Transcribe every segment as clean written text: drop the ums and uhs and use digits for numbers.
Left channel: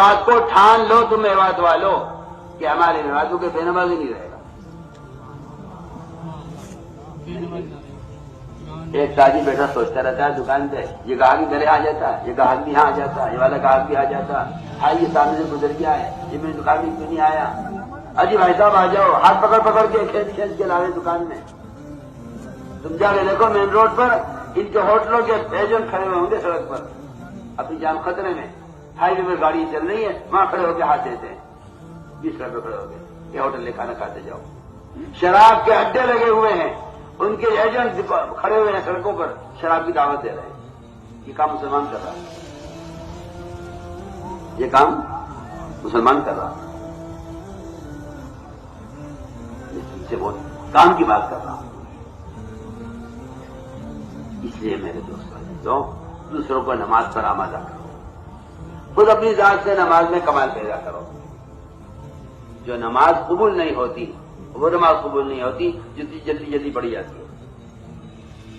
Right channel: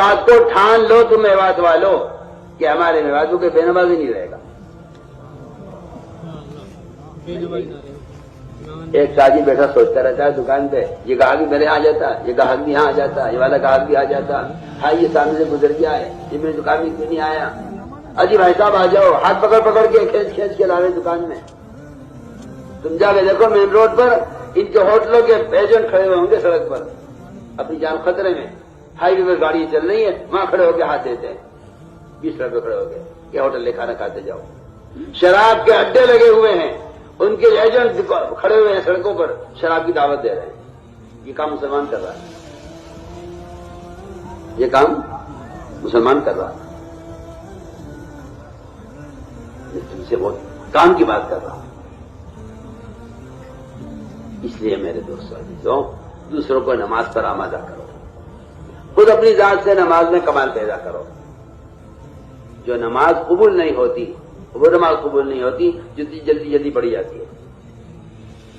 بات کو ٹھان لو تم میوات والو کہ ہمارے نوازوں کے بے نمازی نہیں رہے گا. ایک ساتھی بیٹا سوچتا رہتا ہے دکان پہ، یہ گاہک میرے آ جاتا، یہ گاہک بھی یہاں آ جاتا، یہ والا گاہک بھی آ جاتا، ہاں یہ سامنے سے گزر گیا ہے، یہ میری دکان میں کیوں نہیں آیا؟ اجی بھائی صاحب آ جاؤ، ہاتھ پکڑ پکڑ کے کھینچ کھینچ کے لا رہے دکان میں. تم جا کے دیکھو مین روڈ پر ان کے ہوٹلوں کے ایجنٹ کھڑے ہوئے ہوں گے سڑک پر اپنی جان خطرے میں، ہائی وے پہ گاڑی چل رہی ہے، وہاں کھڑے ہو کے ہاتھ دیتے ہیں 20 روپے کھڑے ہو گئے کہ ہوٹل لے کھانا کھاتے جاؤ. شراب کے اڈے لگے ہوئے ہیں، ان کے ایجنٹ کھڑے ہوئے ہیں سڑکوں پر، شراب کی دعوت دے رہے ہیں. یہ کام مسلمان کر رہا ہے، یہ کام مسلمان کر رہا ہے. میں تم سے بہت کام کی بات کر رہا ہوں. اس لیے میرے دوستوں دوسروں کو نماز پر آمادہ کرو، خود اپنی ذات سے نماز میں کمال پیدا کرو. جو نماز قبول نہیں ہوتی وہ نماز قبول نہیں ہوتی جتنی جلدی جلدی پڑھی جاتی ہے.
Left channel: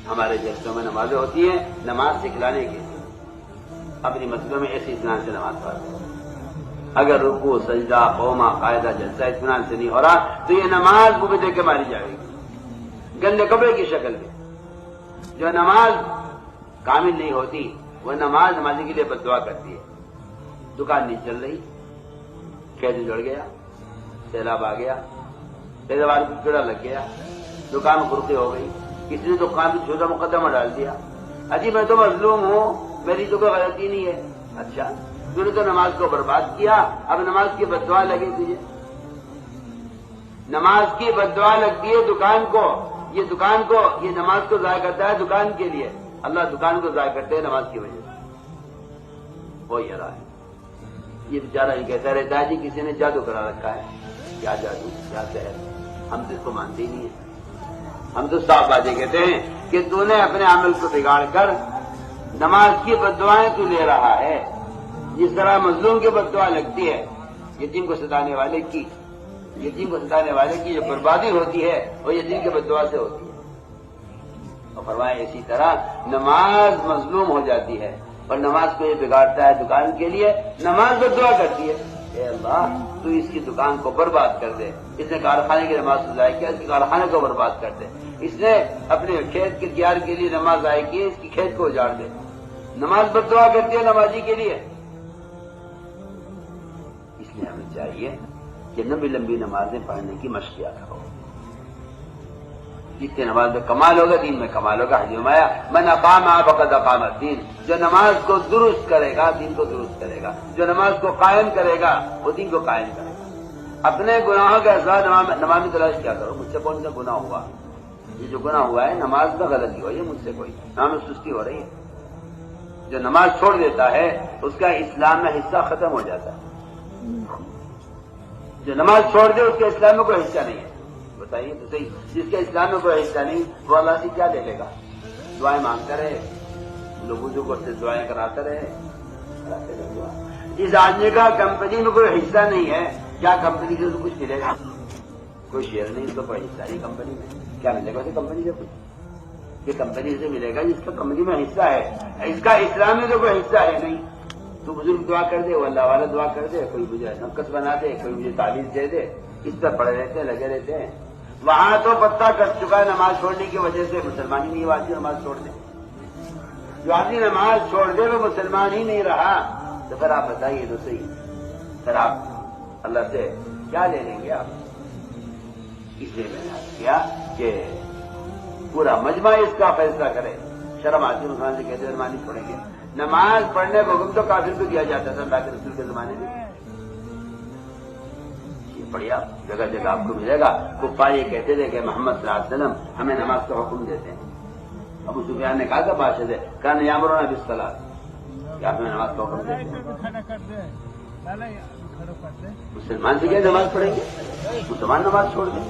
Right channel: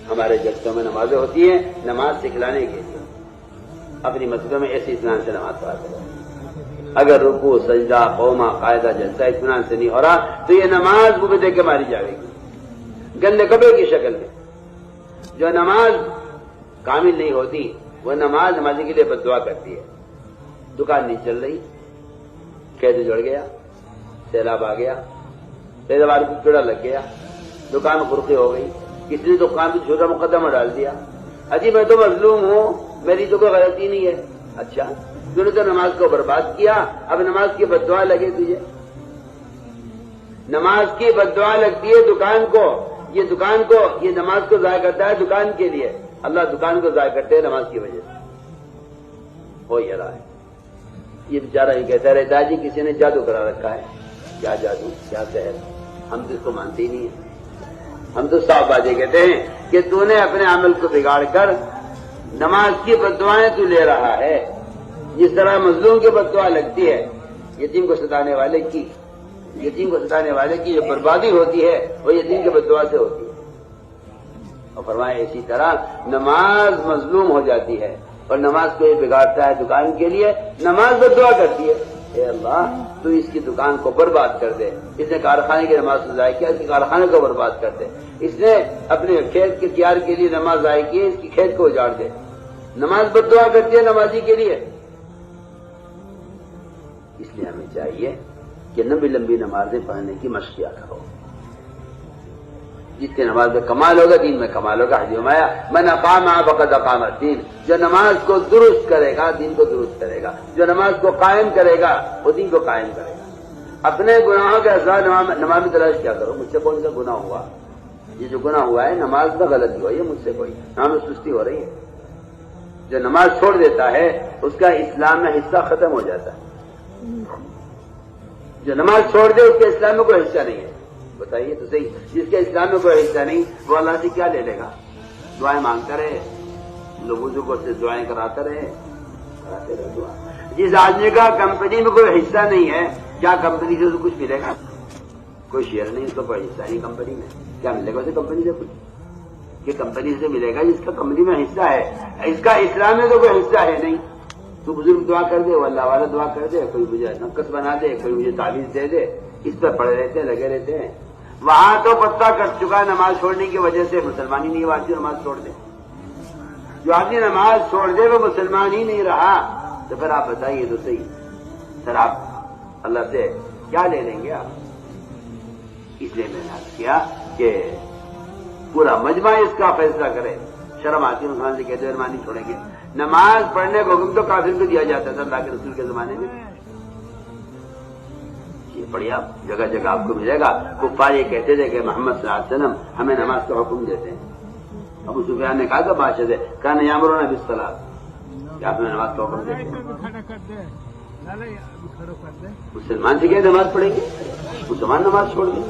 ہمارے جلسوں میں نمازیں ہوتی ہیں نماز سکھلانے کے لیے. اپنی مسجدوں میں ایسی اطمینان سے نماز پڑھا کرو. اگر رکوع سجدہ قوما قاعدہ جلسہ اطمینان سے نہیں ہو رہا تو یہ نماز بوک دے کے ماری جائے گی گندے کپڑے کی شکل میں. جو نماز کامل نہیں ہوتی وہ نماز نمازی کے لیے بد دعا کرتی ہے. دکان نہیں چل رہی، کھیت جڑ گیا، سیلاب آ گیا، پیداوار کو کیڑا لگ گیا، دکان خرقے ہو گئی، کسی نے دکان پہ چھوٹا مقدمہ ڈال دیا، حجی میں تو مظلوم ہوں، میری تو کوئی غلطی نہیں ہے. اچھا تم نے تو نماز کو برباد کیا، اب نماز کی بد دعا لگے تجھے. نماز کی بد دعا لگتی ہے دکان کو، یہ نماز کو ضائع کرتا ہے دکان کے لیے. اللہ دکان کو ضائع کرتے ہیں نماز کی وجہ سے. ہو یہ رہا ہے. یہ بیچارہ ہی کہتا رہتا ہے جی کسی نے جادو کرا رکھا ہے. کیا جادو، کیا سحر؟ ہم تو اس کو مانتے ہی نہیں ہیں. ہم تو صاف باتیں کہتے ہیں کہ تو نے اپنے عمل کو بگاڑ کر نماز کی بد دعائیں تو لے رہا ہے. جس طرح مظلوم کی بد دعا لگتی ہے یتیم کو ستانے والے کی جو بربادی ہوتی ہے وہ یتیم کی بد دعا سے ہوتی ہے. اور فرمایا اسی طرح نماز مظلوم ہو جاتی ہے اور نماز کو یہ بگاڑتا ہے دکان کے لیے. نماز بد دعا کرتی ہے، اے اللہ تو اس کی دکان کو برباد کر دے. اس نے کارخانے کی نماز کو ضائع کیا، اس کے کارخانے کو برباد کر دے. اس نے اپنے کھیت کے تیار کے لیے نماز ضائع کی، اس کی کھیت کو اجاڑ دے. نماز بد دعا کرتی ہے نمازی کے لیے. اس لیے ہمیں چاہیے کہ لمبی لمبی نمازیں پڑھنے کی مشق کیا کرو. جس کی نماز میں کمال ہوگا دین میں کمال ہوگا. حجمایا من اقام فقد اقام الدین. جو نماز کو درست کرے گا دین کو درست کرے گا. جو نماز کو قائم کرے گا وہ دین کو قائم کرے گا. اپنے گناہوں کا اظہار نماز میں تلاش کیا کرو. مجھ سے کون سا گناہ ہوا؟ یہ جو گناہ ہوا ہے نماز میں غلطی ہوئی ہے مجھ سے، کوئی نام سستی ہو رہی ہے. جو نماز چھوڑ دیتا ہے اس کا اسلام میں حصہ ختم ہو جاتا ہے. جو نماز چھوڑ دے اس کے اسلام میں کوئی حصہ نہیں ہے. بتائیے تو صحیح، جس کے اسلام میں کوئی حصہ نہیں وہ اللہ سے کیا لے لے گا؟ دعائیں مانگتا رہے، لوگوں کو سے دعائیں کراتے رہے دعا. جس آدمی کا کمپنی میں کوئی حصہ نہیں ہے کیا کمپنی سے کچھ ملے گا؟ کوئی شیئر نہیں، اس کا کوئی حصہ نہیں کمپنی میں. کیا ملے گا اسے کمپنی سے؟ کچھ یہ کمپنی سے ملے گا جس کا کمپنی میں حصہ ہے. اس کا اسلام میں تو کوئی حصہ ہے نہیں. تو بزرگ دعا کر دے، وہ اللہ والا دعا کر دے، کوئی مجھے نقص بنا دے، کوئی مجھے تعویذ دے دے، اس پر پڑے رہتے ہیں، لگے رہتے ہیں. وہاں تو پتہ کٹ چکا ہے نماز چھوڑنے کی وجہ سے مسلمان ہی نہیں ہوا. نماز چھوڑ دے، جو آدمی نماز چھوڑ دے وہ مسلمان ہی نہیں رہا. تو پھر آپ بتائیے تو صحیح، پھر آپ اللہ سے کیا لے لیں گے آپ؟ اس لیے میں نے عرض کیا کہ پورا مجمع اس کا فیصلہ کرے. شرم آتی مسلمان سے کہتے مہربانی چھوڑیں گے. نماز پڑھنے کو حکم تو کافر کو دیا جاتا تھا اللہ کے رسول کے زمانے میں. یہ بڑھیا جگہ جگہ آپ کو ملے گا. کفار یہ کہتے تھے کہ محمد صلی اللہ علیہ وسلم ہمیں نماز کا حکم دیتے ہیں. ابو سفیان نے کہا تھا بادشاہ سے کان یامرون بالصلاۃ، کہ آپ نے نماز کا حکم دیتے ہیں. مسلمان سے کیا نماز پڑھیں گے؟ مسلمان نماز چھوڑ دیں.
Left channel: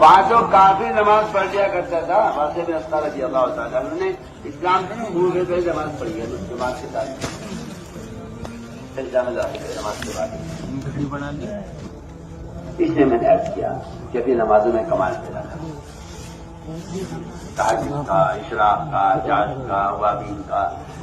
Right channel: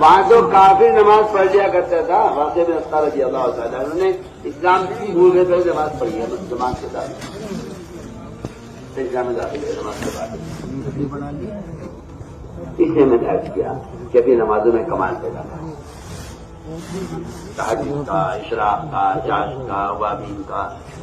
وہاں تو کافی نماز پڑھ لیا کرتا تھا. واسطے میں افطار رضی اللہ تعالیٰ انہوں نے اسلام کی بھول گئے نماز پڑھی ہے نماز کے ساتھ. اسلام میں داخل ہے نماز کے ساتھ. اس لیے میں نے عرض کیا کہ ابھی نمازوں میں کمال پیدا کرا. تحجد کا، اشراق کا، چاش کا، وابین کا.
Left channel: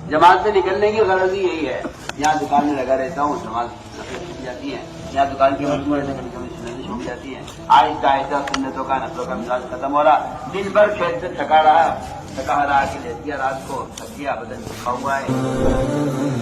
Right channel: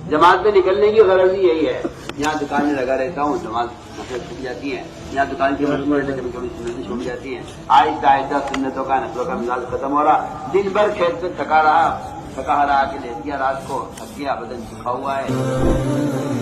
جماعت سے نکلنے کی غرض ہی یہی ہے. یہاں دکانیں لگا رہتا ہوں، نماز نفل چھوٹ جاتی ہیں. یہاں دکان کی مجموعے سے کبھی کبھی سنتیں چھوٹ جاتی ہیں. آہستہ آہستہ سنتوں کا نفلوں کا مزاج ختم ہو رہا. دن بھر کھیت سے تھکا رہا کہ لیٹ گیا، رات کو تھک گیا، بدن تھکا ہوا ہے.